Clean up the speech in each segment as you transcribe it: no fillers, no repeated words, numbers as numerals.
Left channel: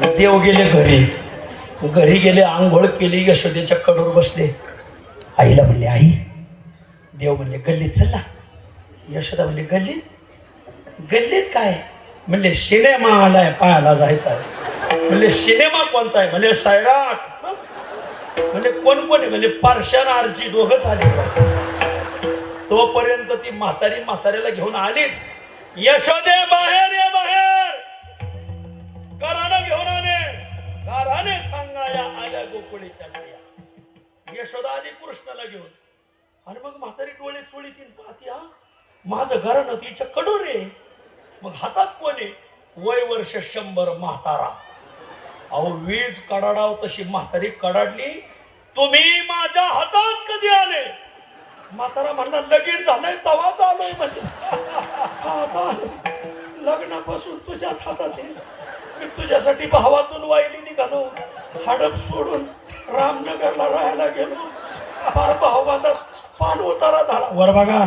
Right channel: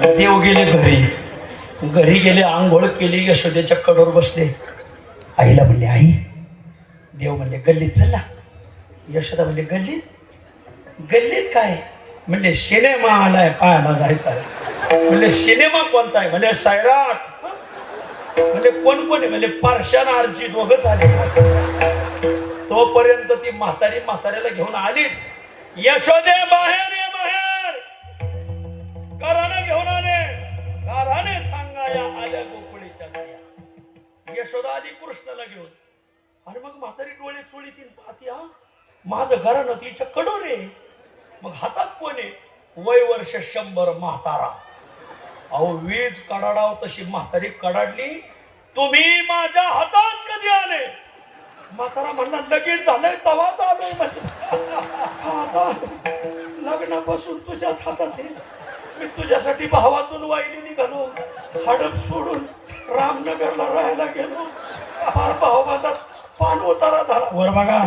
देव गेले घरी गेले, आंघोळ केली, यशोदेच्या कडेवर बसले. आईला म्हणले, आई. देव म्हणले, गल्लीत चला. यशोदा म्हणले, गल्लीत काय? म्हणले, सिनेमा आलाय, पाहायला जायचा आहे. म्हणले, सिनेमा कोणता आहे? म्हणले, सैराट. म्हणजे कोण आहे? म्हणजे पारशान आरची दोघंच आले. तोपर्यंत ती म्हाताऱ्याला घेऊन आलीच. यशोदे, बाहेर ये, बाहेर. घरानं घेऊन आले. घराने सांगा या आल्या गोकुळीच्या स्त्रिया. यशोदा आली कृष्णाला घेऊन. आणि मग म्हातारी डोळे चोळीतील पाहती, हा माझं घरानं तिच्या कडोर आहे. मग हातात कोणी? वय वर्ष 100 म्हातारा. अहो, वीज कडाडाव तशी म्हातारी कडाडली. तुम्ही माझ्या हातात कधी आले? म्हातारा म्हणला, लगीन झालंय तवाच आलोय. आता लग्नापासून तुझ्याच हातात आहे. मी तुझ्यासाठी भावातून वाहिली निघालो, हडप सोडून रामनगरला राहायला गेलो. फार भावबांधात पान उतारा झाला. वर बघा.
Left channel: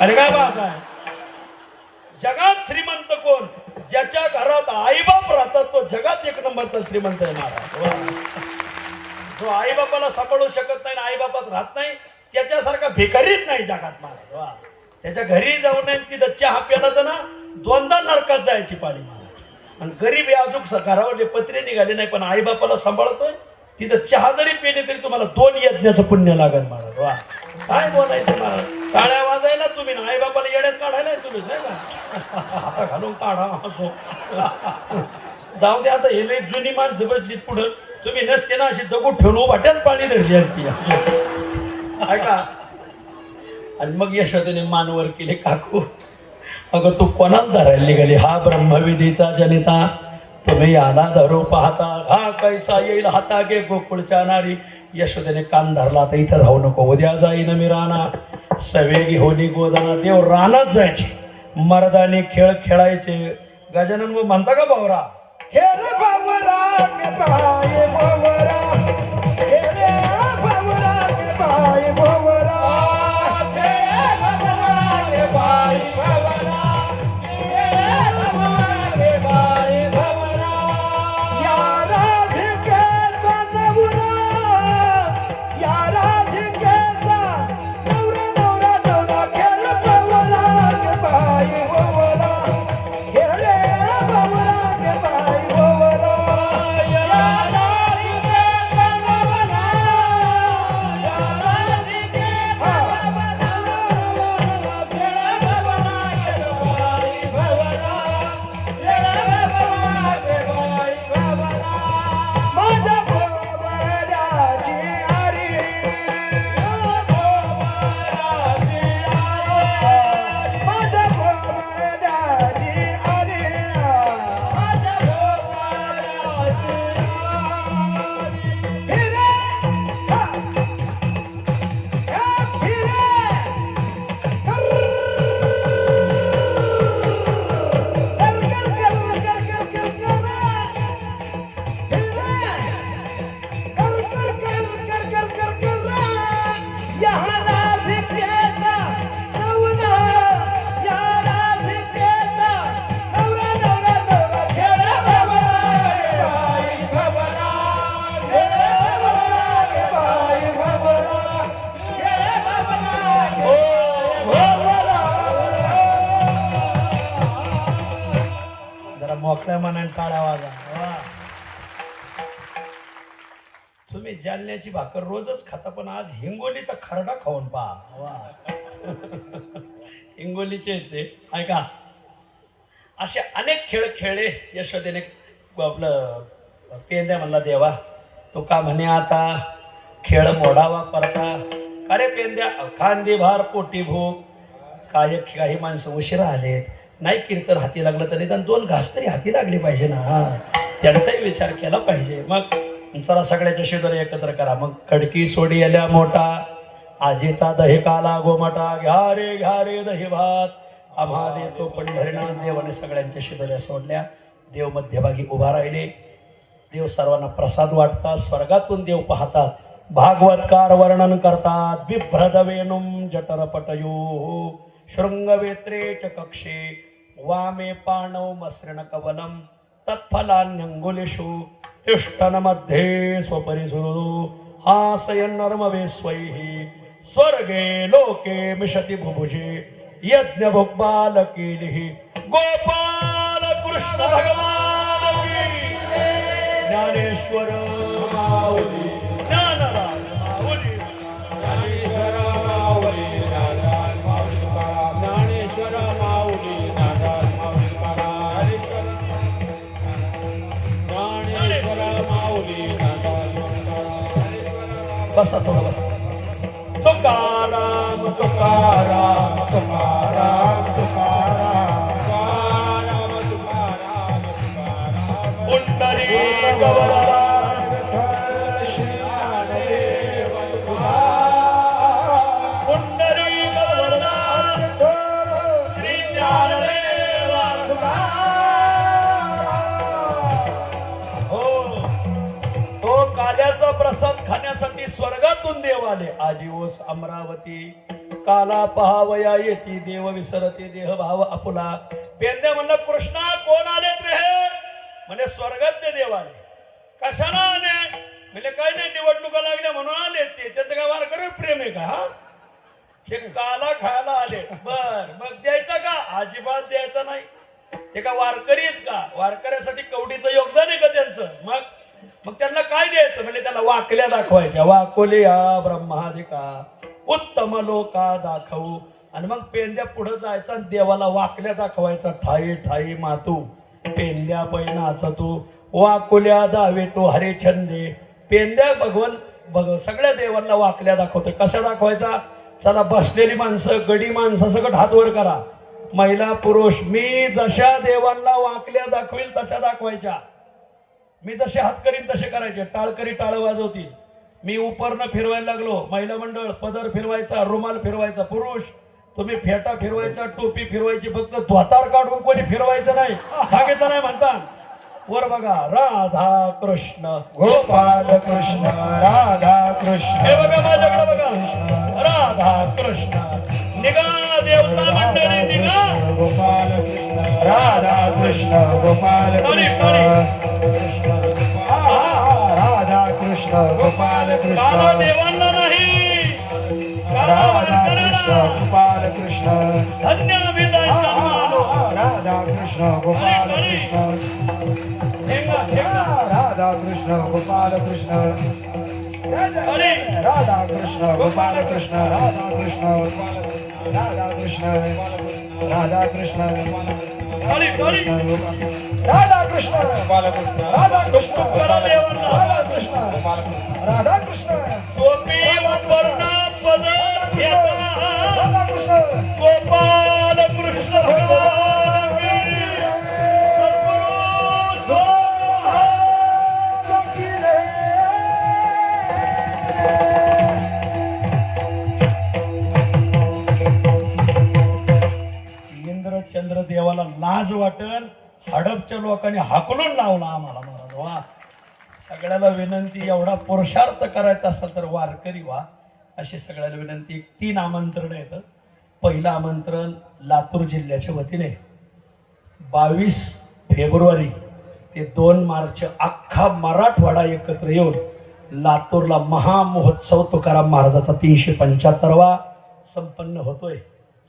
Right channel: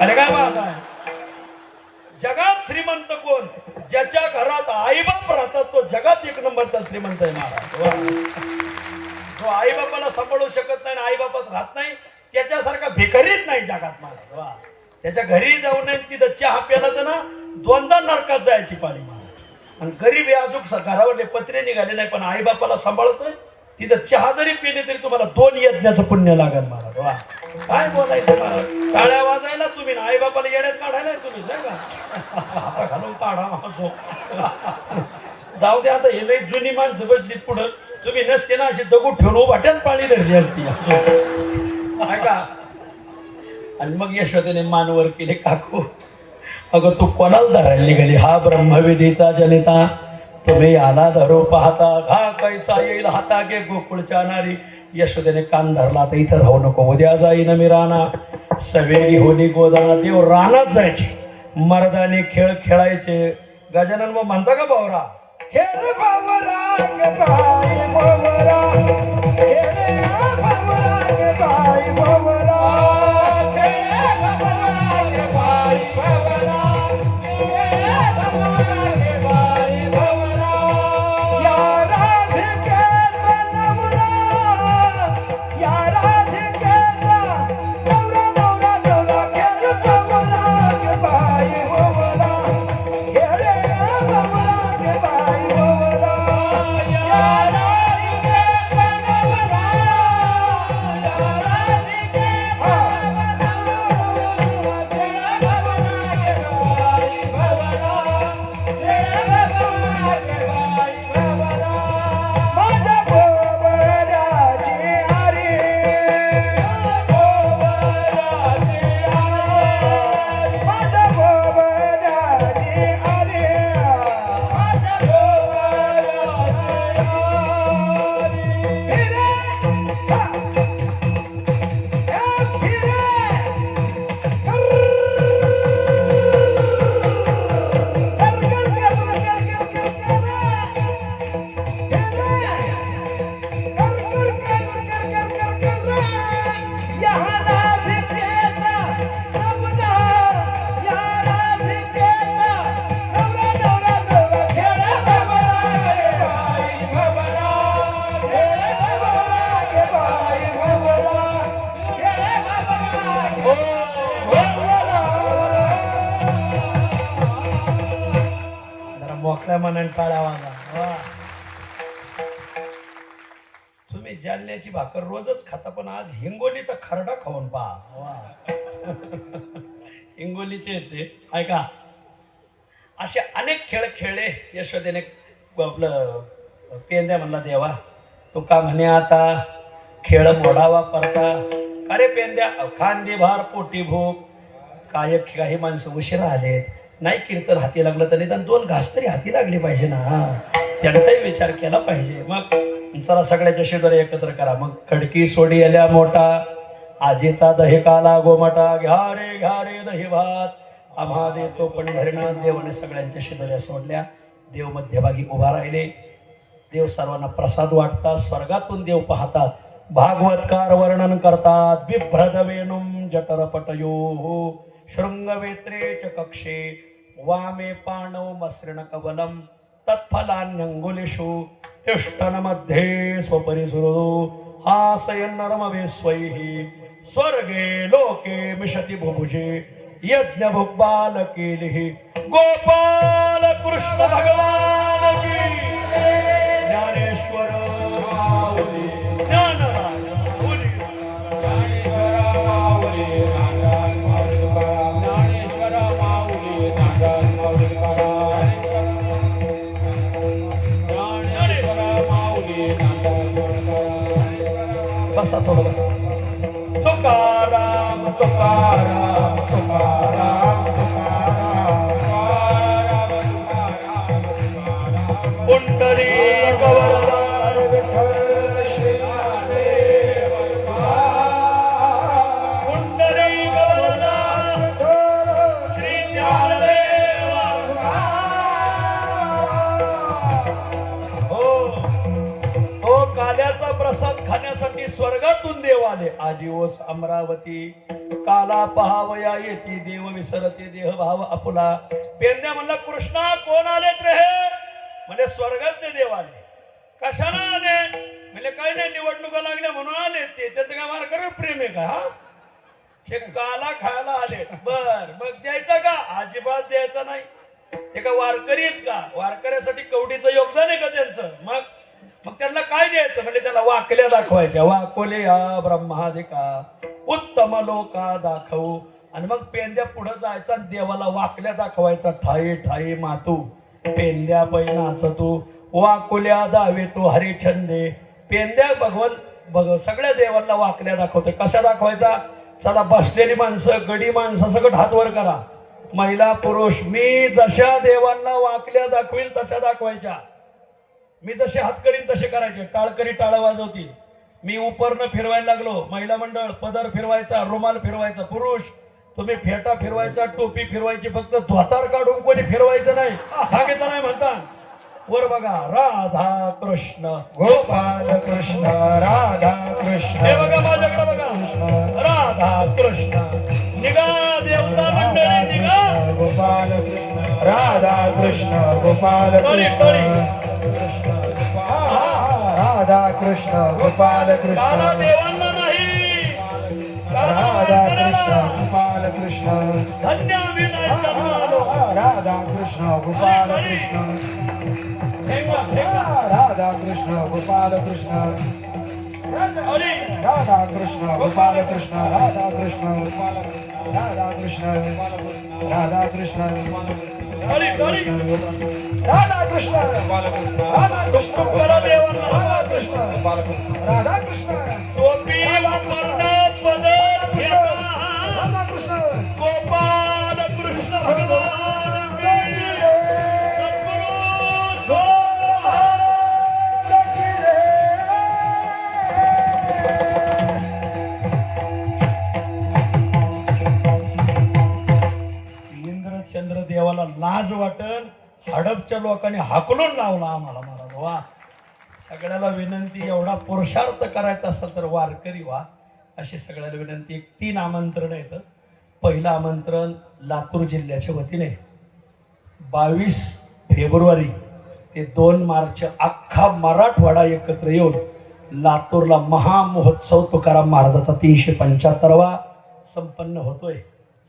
अरे बाबा, जगात श्रीमंत कोण? ज्याच्या घरात आईबाप राहतात तो जगात 1 नंबरचा श्रीमंत आहे महाराज. जो आईबापाला सांभाळू शकत नाही, आईबापात राहत नाही, त्याच्यासारखा भिकारीच नाही जगात महाराज. त्याच्या घरी जाऊ नये, तिथं चहा प्याला तर ना 2दा नरकात जायची पाळी महाराज. आणि गरीब आहे, अजून घरावरले पत्रे निघाले नाही, पण आईबापाला सांभाळतोय. तिथं चहा जरी पिले तरी तुम्हाला 2 यज्ञाचं पुण्य लागेल महाराज. वा, काय बोलायचं महाराज. टाळ्या वाजायला तुम्ही, आई बापाला येड्यात काढायला तुम्ही, नाही का? आता घालून काढा असो. जाऊ दे, आता हे लई जुनी माणसं बसलीत पुढं. तुम्ही नसते ना अशी दगड ठेवून वाट्यात पाणी धरली असती. ऐका. आणि मग यशोदेने मानवर केले, काकू अगं तू कोणाला धरायला निघाली? हा ब्रह्मविधीचा जनिता, तुम्ही याला धरू पाहता, घा कैसा येईल हाता गे गोकुळच्या नारी. यशोदेने कान धरला, तर इथं राहू नको, उद्या जाईन मी राणा. सवेगी होली गोदाना. देव रानात जायचे, मर्दाने खेळ खेळायचे. गजानन मग म्हणता का भावरा? खेळ भावरा के बाई भावरा, खेळ भावरा के बाई भावरा, खेळ भावरा के बाई भावरा, खेळ भावरा के बाई भावरा. या राधिकेचा नवरा, या राधिकेचा नवरा, नवरा नवरा. खेळ भावरा के बाई भावरा, खेळ भावरा के बाई भावरा. या राधिकेचा नवरा, या राधिकेचा मोकळ्या मनाने टाळा वाजा. तुम्ही जालन्याची भाकर रोजच खाता, पण आज हिंगोलीचा खरडा खाऊन पहा. हिंगोलीचे येते. ऐका, असे अनेक खेळ खेळले यशोदेने. आपलं पेंद्या म्हणला, देवा तो का म्हणे आता खेळ मोडावा परता. अरे पेंद्या, खांदी भार पोटी भूक. काही माणसं उशिरा आले, नाही कीर्तन हाती लागलं तरी निदान 2 घास तरी हाती लागले पाहिजे ना. त्यांचाही विचार केला पाहिजे. मग चला सगळ्याच्या शेजारी एकत्र करा. मग खडकी सोडी आल्या मोठा, आजीचा दही काला गोमटा. घ्या रे दही भात, आम्हा देतो पंढरीनाथ. देवाने सगळ्यांच्या शेजाऱ्या सोडल्या. देव मध्यभागी उभा राहिले. देव सर्वांना प्रसाद वाटतात. स्वर्गातून देव पाहतात. भागवतकार वर्णन करतात. बिभ्रदवेनुम जठरपटयो शृंगवेत्रे च कक्षे वामे पाणव मसृण कवलम तत्फलान्यंगुलेषु तिष्ठन्मध्ये स्वपरिसुरो हासयन्नर्मवे स्वैहि स्वर्गे लोके मिषति बुभुजे यज्ञ भुक्बालकीलिः गोपाल कृष्ण भगवान की ज्ञानेश्वर माऊली ज्ञानराज माऊली बसा थोडं बसा. तुकाराम तुकाराम तुकाराम तुकाराम पुंडरी गौरवार पुंडरी गौरवार श्री ज्ञानदेवा हो. तो काल्याचा प्रसाद खाण्यासाठी स्वर्गातून देव आले. आजीवस अमरावती काला पहावया येती देव विसरते देह भाव आपुला. पेंद्या म्हणला कृष्णा कोण आलेत रे हे? म्हणजे स्वर्गातले देव आले. कशाला आले? म्हणजे काय नाही निवडणुका लागल्या म्हणून आले ते. त्याचं काय वारकरी प्रेम आहे का? हा ते काला खायला आले. बर मग द्यायचा का? अजिबात द्यायचा नाही. ते का वारकरीत का? वारकऱ्यासाठी कवडीचं योगदान आहे का त्यांचं? मग त्यांना काय द्यायचं? म्हणजे त्याला वाकल्या दाखवायच्या. वाकोलिया ब्रह्मादिका उत्तम लोका दाखवू. आणि मग पेंद्या पुढे जायचा आणि देवाला वाकल्या दाखवायचा. ठाई ठाई मातू पेंद्या नाचतो वाकुल्या दावे तो हरिछंदे. पेंद्या भगवान सगळ्या देवांना वाकल्या दाखवतो. कशा दाखवायचा? चला बसलेली माणसं गडी माणसं सगळं हात वर करा. महिला पुरुष मी जशा देवांना वाकल्या दाखवील तशा दाखवायच्या. मी जसे हात करीन तसे करायचे. टाळकरी टाळ वाजवतील. मी उपरनं फिरवायला लागलो. महिला मंडळ पदर फिरवायचा रुमाल फिरवायचा. पुरुष तुम्ही फेटा फिरवायचा टोपी फिरवायची. फक्त धोतार काढून कोणी फिरवायचं नाही. सांगितलं नाही म्हणता. वर बघा राधा कृष्ण गोपाल कृष्ण राधा कृष्ण. हे बघा माझ्याकडे बघा राधा कृष्ण. निघा देवता मंडळी निघा. गोपाल कृष्ण राधा कृष्ण गोपाल कृष्ण राधा कृष्ण गोपाल कृष्ण राधा देवांना नाही राधा कृष्ण गोपाल कृष्ण धन्य आम्ही जायचं आलो. राधा कृष्ण गोपाल कृष्ण राधा कृष्ण गोपाल कृष्ण अरे राधा कृष्ण गोपाल कृष्ण राधा कृष्ण राधा कृष्ण राधा कृष्ण अरे अरे राधा कृष्ण गोपाल कृष्ण राधा कृष्ण करा देवांना. राधा कृष्ण गोपाल कृष्ण राधा कृष्ण टोपी उपरनं पदर फेटा. राधा कृष्ण गोपाल कृष्ण भगवान की सद्गुरु इंद्रचंद्र देवाला लाज वाटल. हडपच्या लोकांनी हाकलून लावला आम्हाला. महाराज वा. सगळ्याला विनंती एवढा पुरुषार्थ करायचा असेल तर वारकरी व्हा अशी सगळ्याला विनंती. 3 आमंत्रण आहेत. पहिलं आमंत्रण लातूर जिल्ह्याच्या वतीने 22 फेब्रुवारी ते 2 मार्च अख्खा मराठवाडा एकत्र येऊन लातूरला महामहोत्सव तुकाराम महाराजाचा 375वा संपन्न होतोय.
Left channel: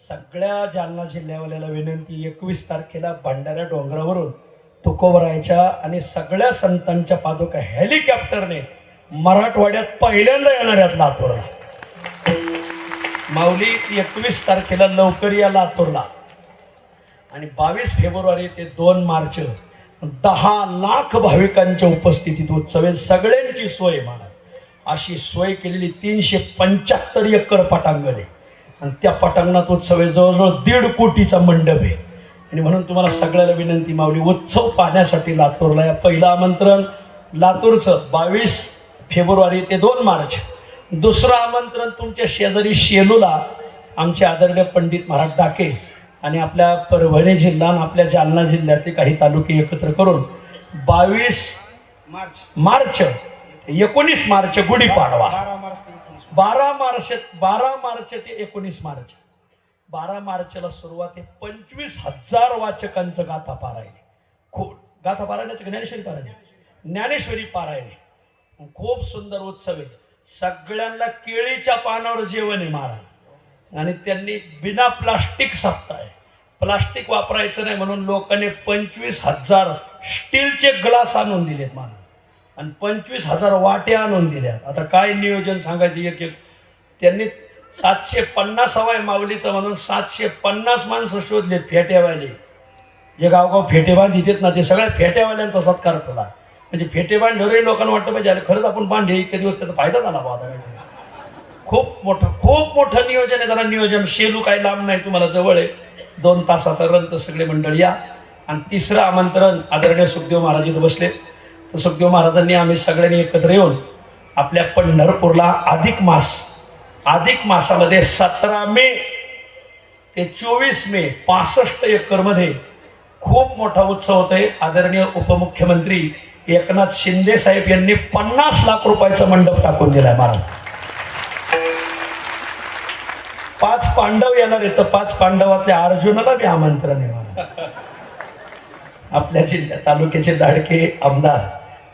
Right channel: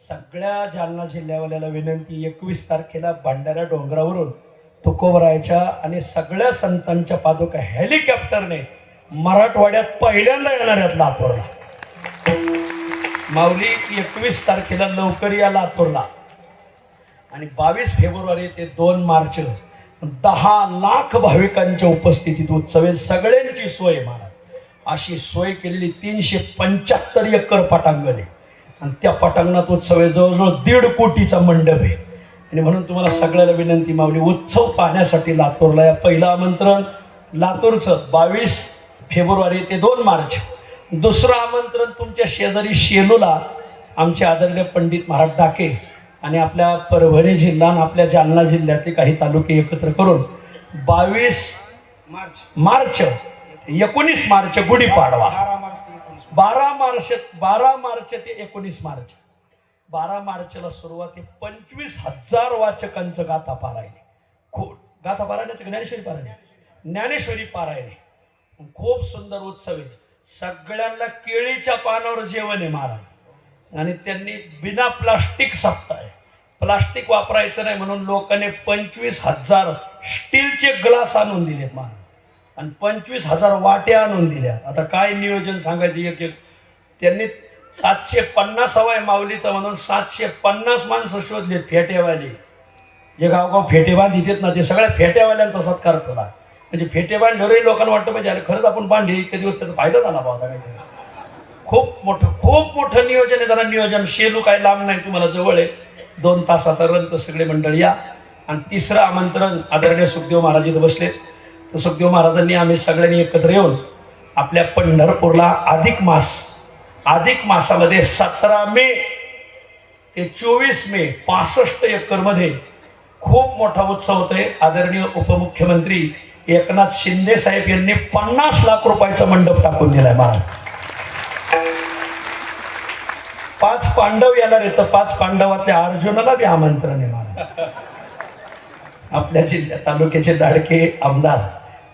सगळ्या जालना जिल्ह्यावाल्याला विनंती 21 तारखेला भंडारा डोंगरावरून तुकोबरायच्या आणि सगळ्या संतांच्या पादुका हेलिकॉप्टरने मराठवाड्यात पहिल्यांदा येणार आहेत लातूरला. माऊली 21 तारखेला लवकर या लातूरला. आणि 22 फेब्रुवारी ते 2 मार्च 10 लाख भाविकांच्या उपस्थितीत उत्सव आहे. सगळ्यांची सोय महाराज अशी सोय केलेली. 375 एकर पटांगण आहे आणि त्या पटांगणात उत्सव आहे. जवळजवळ 1.5 कोटीचा मंडप आहे. आणि म्हणून तुम्हाला सगळ्याला विनंती माऊली उत्सव पाहण्यासाठी लातूरला या. पहिलं आमंत्रण लातूरचं 22 फेब्रुवारी ते 2 मार्च. दुसरं आमंत्रण तुमच्या शेजारी शेलूला आमचे आदरणीय पंडित महाराज डाके आणि आपल्या परभणी जिल्हा आणि आपल्या जालना जिल्ह्यातले काही तालुके एकत्र करून 22 मार्च 19 मार्च गुढीपाडवा. 12 मार्च ते 19 मार्च. 12 मार्चला सुरुवात आहे. 25,000 वाचकांचं गाथा पारायण. गाथा पारायणाची ज्ञानेश्वरी पारायण ज्ञानेश्वरी पारायणे खूप सुंदर उत्सव आहे. सगळ्यांना केळीच्या पानावर जेवण आहे महाराज. आणि त्यांनी बिना प्लास्टिक सप्ताह आहे. प्लास्टिक वापरायचं नाही म्हणून लोकांनी 25,000 स्टीलचे ग्लास आणून दिलेत महाराज आणि 25,000 वाट्या आणून दिल्या. आता काय नियोजन सांगायचे एक एक. त्यांनी 750 माऊलीचं म्हणून 750 माणसं शोधले फेट्यावाले. जे गावगाव फेटे बांधित ना ते सगळ्या फेट्यावाल्यांचा सत्कार केला. म्हणजे फेटे बांधल्यावरही लोकांना वाटतं पाहिजे अरे खरंच आपण बांधले इतके दिवस त्याचा फायदा झाला पाहता काहीतरी. खूप मोठं नियोजन आहे. जरा नियोजन शेलू काय लांब नाही तुम्हाला जवळ आहे. 2 तासाचा रन तर सगळे मंडळी या. आणि तिसरं आमंत्रण आदरणीय सुखदेव महाराज इथं बसले. तर सुखदेव महाराजांनी आम्ही सगळ्यांनी एकत्र येऊन आपल्या पंढरपूरला अधिक मासामध्ये 17 मे ते 24 मे 65 एकरमध्ये खूप मोठा उत्सव होतोय. आदरणीय उपमुख्यमंत्री एकनाथ शिंदे साहेब यांनी 50 लाख रुपयाचा मंडप टाकून दिलाय महाराज. 5 पांडव येणार आहेत तर 5 पांडवातल्या अर्जुनाला बी आमंत्रण आहे. आपल्या जिल्ह्यात तालुक्याचे लाडके आमदार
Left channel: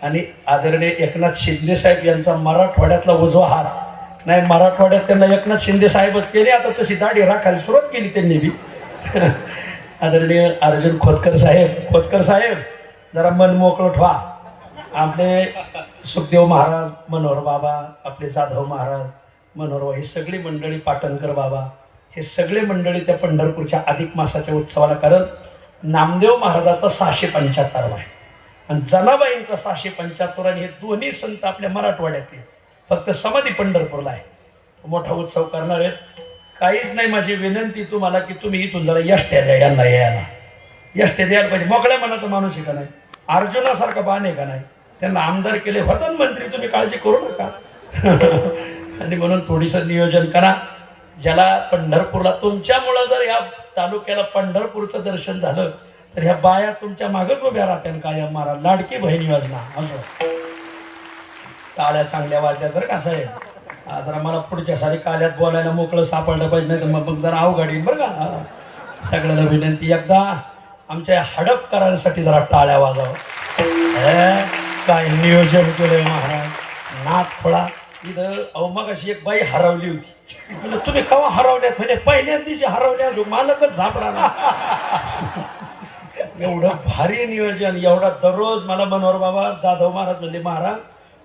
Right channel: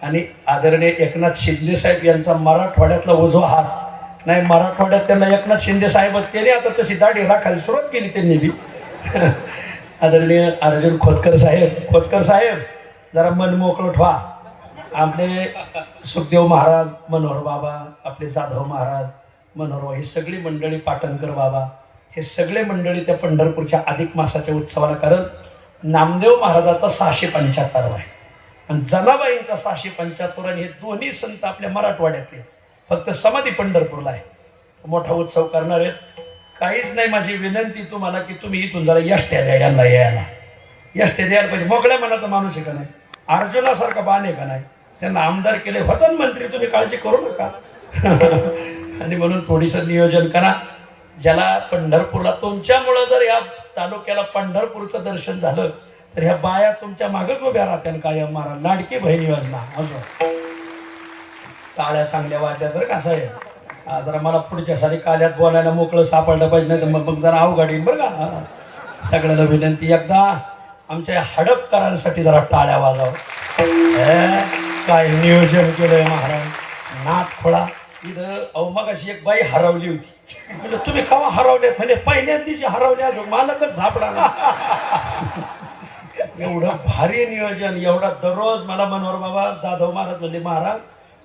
आणि आदरणीय एकनाथ शिंदे साहेब यांचा मराठवाड्यातला उजवा हात. नाही मराठवाड्यात त्यांना एकनाथ शिंदे साहेबच केले. आता तशी दाढी राखायला सुरुवात केली त्यांनी बी. आदरणीय अर्जुन खोतकर साहेब जरा मन मोकळं ठेवा. आपले सुखदेव महाराज मनोहर बाबा, आपले जाधव महाराज मनोहर, ही सगळी मंडळी, पाटणकर बाबा, हे सगळे मंडळी त्या पंढरपूरच्या अधिक मासाच्या उत्सवाला. कारण नामदेव महाराजाचा 675 आहे आणि जनाबाईंचा 675 आणि हे दोन्ही संत आपल्या मराठवाड्यातले. फक्त समाधी पंढरपूरला आहे. मोठा उत्सव करणार आहेत. काहीच नाही, माझी विनंती तुम्हाला की तुम्ही इथून जरा यष्ट्या द्या यांना यायला. यष्ट्या द्यायला पाहिजे. मोकळ्या मनाचा माणूस आहे का नाही, अर्जुनासारखा बाण आहे का नाही. त्यांना आमदार केले होता मंत्री, तुम्ही काळजी करू नका. आणि म्हणून थोडीसं नियोजन करा. ज्याला पंढरपूरला तुमच्यामुळं जर या तालुक्याला पंढरपूरचं दर्शन झालं तर ह्या बाया तुमच्या मागच उभ्या राहत्या. काय महाराज लाडकी बहीण योजना असो. टाळ्या चांगल्या वाजल्या बरं का साहेब. जरा मला पुढच्या सारी काल्यात बोलायला मोकळं सापडलं पाहिजे, नाही तर मग जरा अवघड येईल बरं का. सगळ्यांना विनंती, एकदा आमच्या हडपकरांसाठी जरा टाळ्या वाजावं. काय नियोजन केलंय महाराज. नाथ खोळा इथं. अहो मग अशी एक बाई हरवली होती. म्हणजे तुम्ही केव्हा हरवल्यात? म्हणजे पहिल्याच दिवशी हरवल्या. मालकच झापडा ना. एवढं भारी नियोजन. एवढा दररोज मला मनोहर बाबा जाधव महाराज म्हणजे महाराज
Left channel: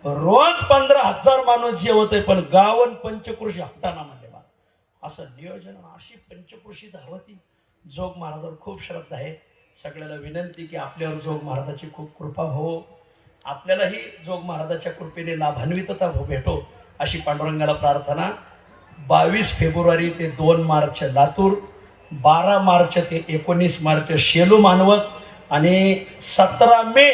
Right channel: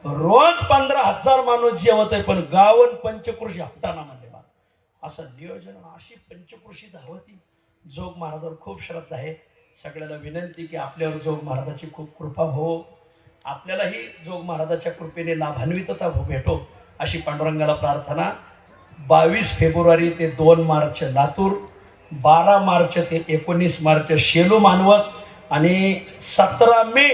रोज 15,000 माणूस जेवत आहे पण गावन पंचकृषी हटाना म्हणजे असं नियोजन. अशी पंचकृषी धावती. जोग महाराजावर खूप श्रद्धा आहे. सगळ्याला विनंती की आपल्यावर जोग महाराजाची खूप कृपा हो. आपल्यालाही जोग महाराजाच्या कृपेने लाभान्वितता भेटो अशी पांडुरंगाला प्रार्थना. 22 फेब्रुवारी ते 2 मार्च लातूर, 12 मार्च ते 19 मार्च शेलू मानवत आणि 17 मे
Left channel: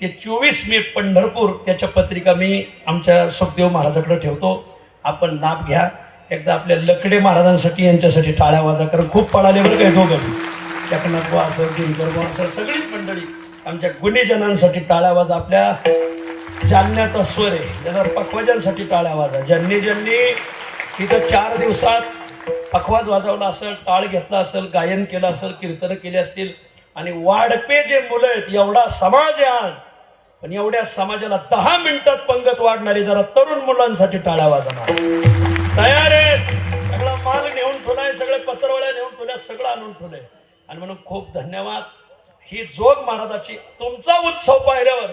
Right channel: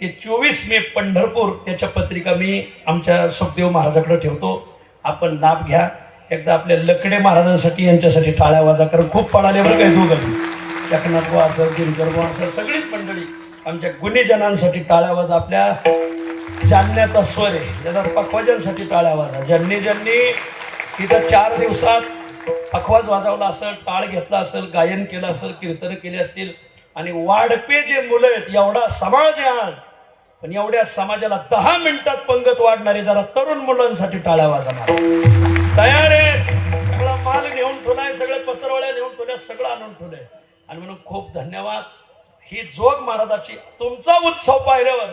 ते 24 मे पंढरपूर. त्याच्या पत्रिका मी आमच्या सुखदेव महाराजाकडे ठेवतो. आपण लाभ घ्या. एकदा आपल्या लकडे महाराजांसाठी यांच्यासाठी टाळ्या वाजा. कारण खूप पडाले बरं काही दोघं. एकनाथ असं गिरगर असं सगळीच मंडळी आमच्या गुणीजनांसाठी टाळ्या वाजा. आपल्या जालन्याचा स्वर आहे ज्यांना पखवाजांसाठी टाळ्या वाजा. ज्यांनी तिथं 4 दिवसात पखवाज वाजवला असेल, टाळ घेतला असेल, गायन केलं असेल, कीर्तन केले असतील. आणि वाढपे जे मुलं आहेत, एवढा समाज आहे आज, पण एवढ्या समाजाला 10 मिनिटात पंगत वाढणारी जरा तरुण मुलांसाठी टाळ्या वाजवणार. तयार आहे. सगळं माल घेऊन ठेवलाय, सगळे पत्रवळ्या घेऊन ठेवल्या, सगळं आणून ठेवलंय. आणि म्हणून खूप धन्यवाद. ही जोग महाराजाची तुमचा उत्सव पाहिल्यावर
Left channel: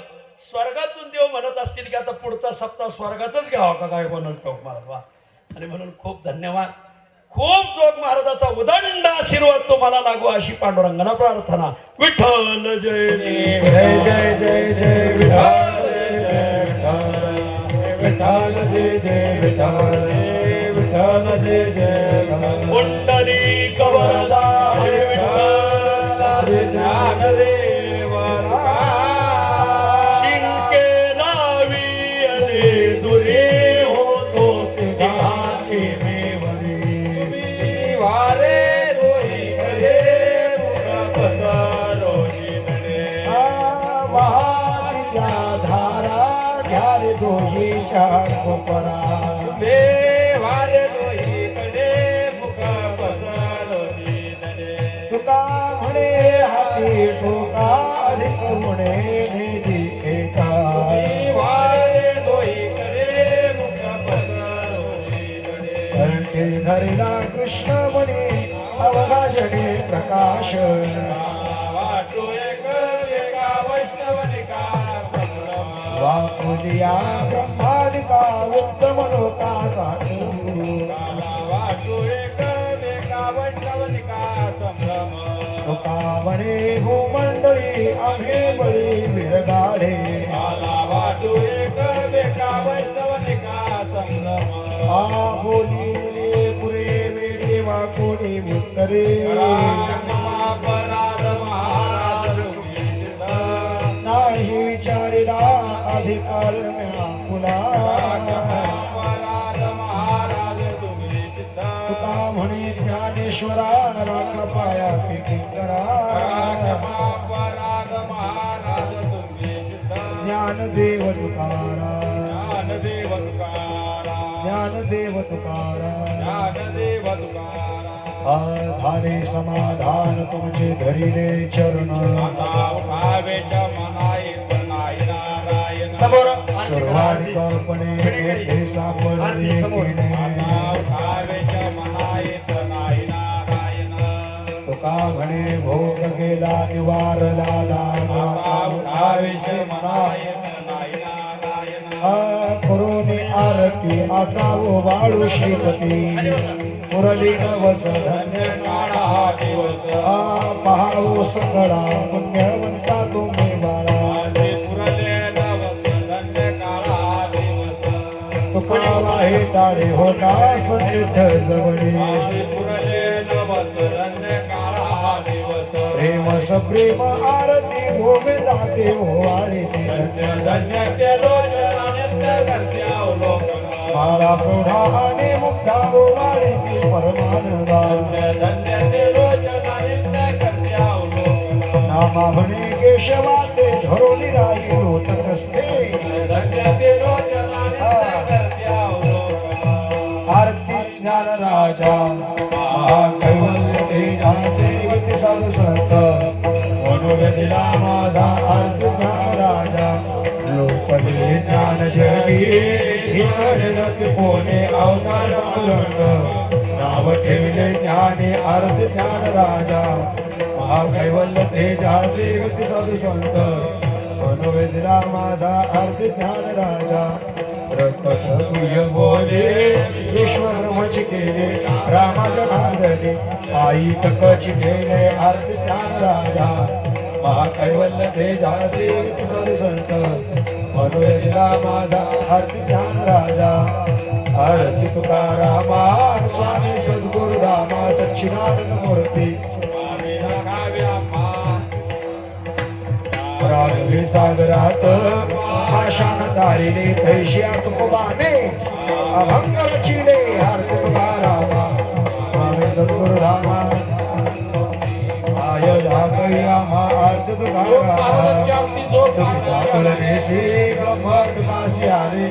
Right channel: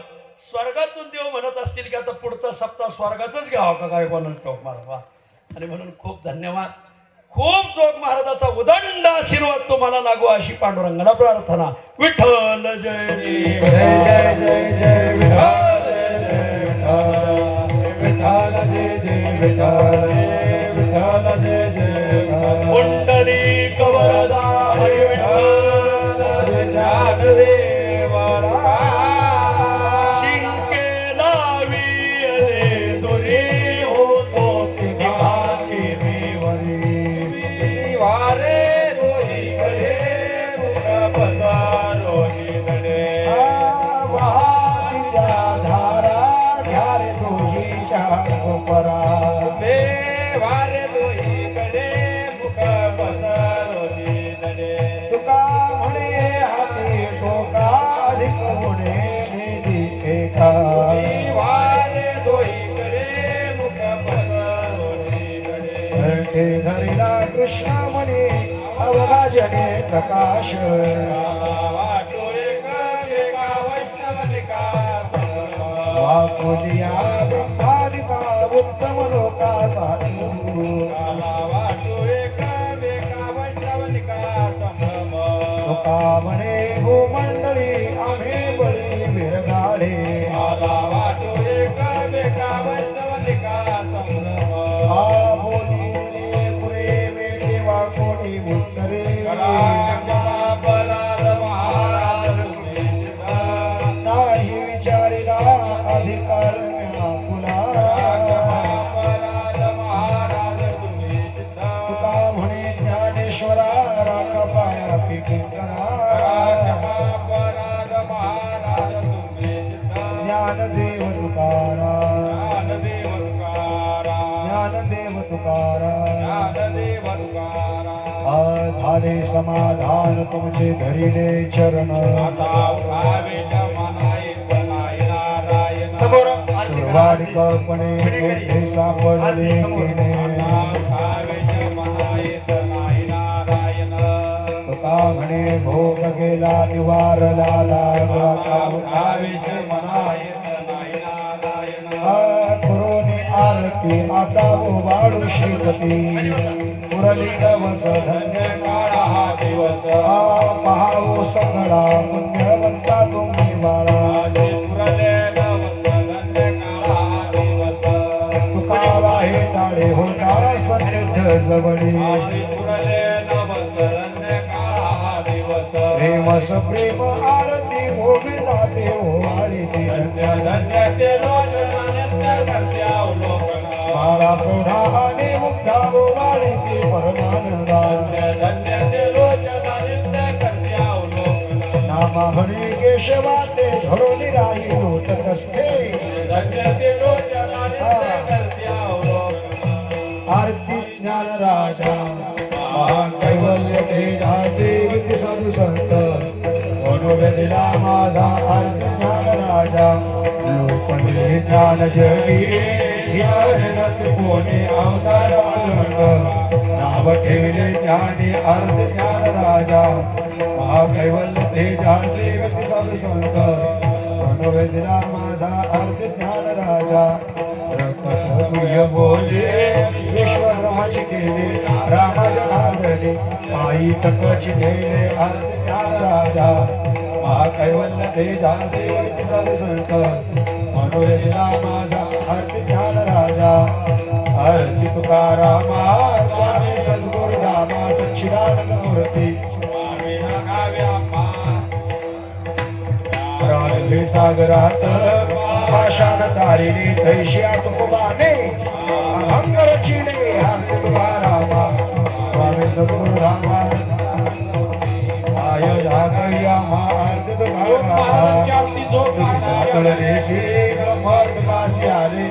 स्वर्गातून देव म्हणत असतील की आता पुढचा सप्ताह स्वर्गातच घ्यावा का काय बनवून ठेव महाराज. आणि म्हणून खूप धन्यवाद. खूप जोग महाराजाचा उदंड आशीर्वाद तुम्हाला लागू अशी पांडुरंगाला प्रार्थना. विठ्ठल जय जय जय जय जय जय विठ्ठल जय जय विठ्ठल विठ्ठल जय जय पुंडलिक वरदा शिंके लावी अरे दुरे होतो तिघाची तुका म्हणे हाती ठोका अधिक म्हणे वाकुलिया ब्रह्मादिका उत्तम लोका साधू तुका म्हणे भूमंडळी आम्ही बळी बिरगाडे आ बोलिले पुरे वेळे वाकोडी उत्तरे नाही विचारिला अधिकार मिळा तुका म्हणे ज्ञानेश्वरा राख पाया ज्ञानदेव तुकारा ज्ञानदेव तुकारा आज झाले समाधान तुमचे धरिले चरण सर्वाधिकपणे येथे सापडले तुका म्हणे भोग गेला निवारला करोनी आरती आता वाळू श्रीपती मुरली नवस धन्य महाऊ सकळा पुण्यवंता तुम्ही बाळा तुका वाहे ताडे होता समृद्ध जवळी प्रेम सप्रेम आरती गोविंदा देव आरती मारा प्रौढा आणि मुक्ता आरती परमानंदा नामा म्हणे केशवा ते धरोनी राही लोटकस्ते आरती ज्ञान राजा महाकैवल्य तेजा सेवित संसर्ग मनोगतीला माझा आरती ज्ञान राजा लोकले ज्ञान जगी हिरणक कोणे अवतार पालंग नाव ठेवले ज्ञाने अर्थ ज्ञान राजा महाकैवल्य तेजा सेवित संसंत मनोगतीला माझा अर्थ ज्ञान राजा रक्तप्रिय बोले विश्वब्रह्मची केले रामाजनार्दने आई टकची केले अर्थ ज्ञान राजा महाकैवल्य तेजा सेवित संसंत मनोवेदना माझा अर्थ ज्ञान राजा आरती तुकारामा स्वामी सद्गुरु रामा सच्चिदानंद मूर्ती राजवे सागरात आशान तारिणे तैशिया तुकोबाने अभंग रचिले आरती तुकारामा स्वामी सद्गुरु रामा आय धाकया आरती तुकारामा कळले श्री ब्रह्म तुकासी आरे